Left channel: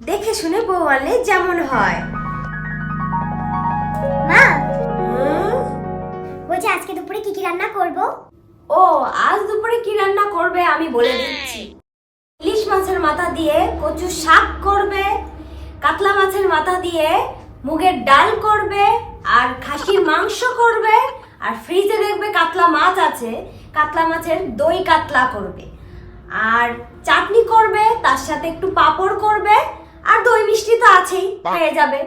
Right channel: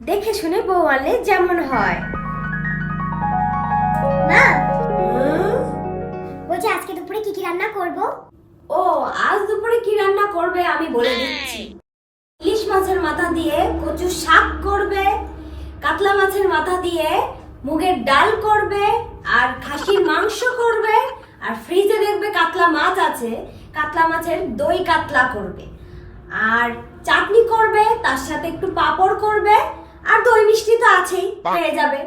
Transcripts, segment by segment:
দেখে শুনে বউ আনলে যেমন হয়। মা! বলছি আজকে দুপুরে কি কি রান্না করব? ও আজ দুপুরে কি রান্না করবে আমি বলে দিচ্ছি। ইলিশ মাছের মাথা দিয়ে কচু শাক করবে কাতলা মাছের মাথা দিয়ে মুগের ডাল করবে আর খাসির মাংস করবে আর ফ্রিজে দেখবে কাতলা মাছ আছে কাতলা মাছের দই কাতলা করবে। আর চাটনি করবে তার সাথে একটু পাঁপড় করবে আর দই মিষ্টি তো আছেই পেয়ে যাবে।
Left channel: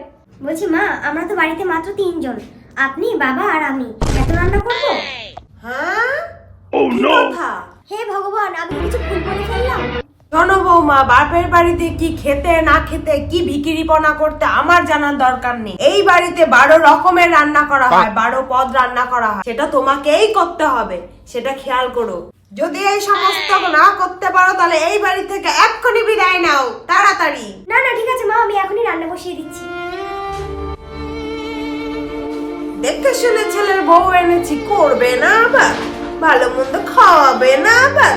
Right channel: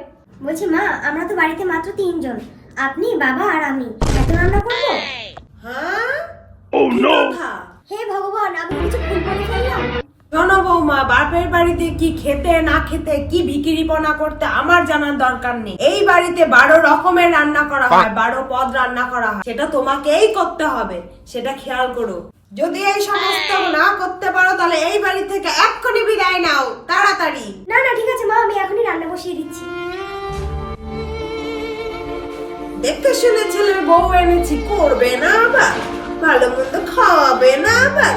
বলছি মা আমরা তো বাড়িতে মাত্র তিনজন। আপনি বাবা আর আমি। এত রান্না করব? হ্যাঁ? Oh কি no! কথা? হে ভগবান আমি কিছু ভুল করে ফেললাম শোনো বৌমা বাপের বাড়িতে কি খেতে না খেতে কি ভিকিরিপনা করতে আমার জানার দরকার নেই। এই বাড়িতে বারো রকমের রান্না করা হয় বারো পদ রান্না করা হয়। সেটা তোমাকেই করতে হবে। সেটা খেয়াল করো। যদি এই সমস্ত না করতে পারো তাহলে এই বাড়ি থেকে এক্ষুনি বিদায় নাও তাড়াতাড়ি। না না ঠিক আছে মা আমি এখনই রান্না বসিয়ে দিচ্ছি। দেখতে শুনে ছেলের বউ এনেছি করবে না আবার ভালো মন্দ খাওয়াবে না আবার।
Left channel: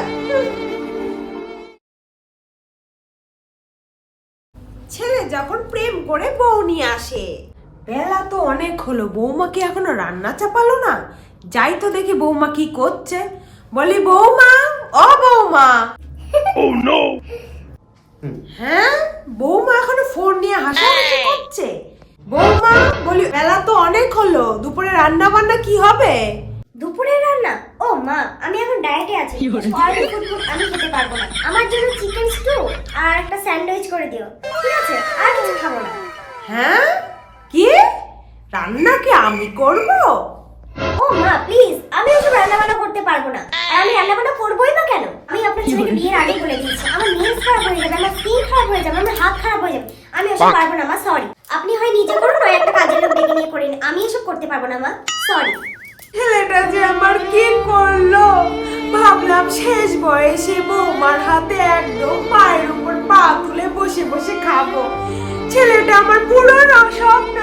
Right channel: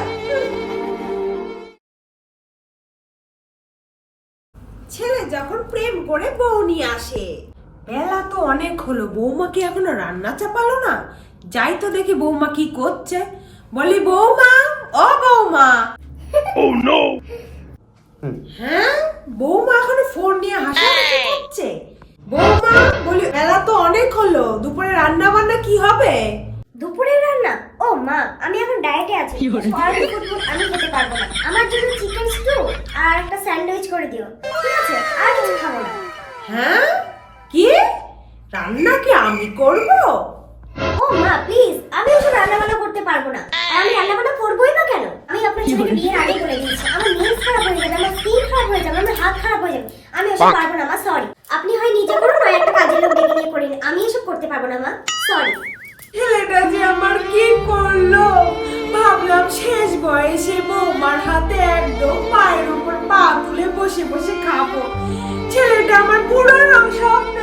ছেলে যখন প্রেম করে বউ নিয়ে আসে বেলা তো অনেক হলো বৌমা কি এখনও রান্না চাপালো না? যাই তো দেখি বৌমা কি করছে। বলি বৌমা ও বৌমা। Oh no! হ্যাঁ? বৌমা এখনও ফোন নিয়ে হাসাহাসি করছে? বৌমা বলি বেলা তো অনেক হলো দুপুরে রান্না বান্না কি হবে? দুপুরে রান্না? ও মা আমি এখন ডায়েটে আছি। অয়েলি ফুড আমি খেতে পারব না। আমার জন্য চিকেন স্টু আর একটা স্যান্ডউইচ করে দিও। ঠিক আছে? আর কিছু খাব না। হ্যাঁ? কি? রান্না কি আমি করব? ও মা প্লিজ আমি ওসব রান্না বান্না করতে পারব না। আমি রান্না বান্না করবোই বা কেন? আমি আপনার বিয়ের আগে বলে দিয়েছি। আমার নেলস খারাপ হয়ে যাবে আমার স্কিন খারাপ হয়ে যাবে আমার হাত খারাপ হয়ে যাবে। আমি ওসব পারব না মা সরি আপনি হয় নিজে করুন নয় একটা কাজের লোক ডেকে নিয়ে করে আমি এসব করতে পারব না মা সরি ছেলেটা যে আমার কি করল? ভাবলাম শেষ বয়সে বৌমার হাতে একদম পায়ের উপর পা তুলে বসে বসে খাব। ছেলেটা আমার পুরো ন- স্বপ্ন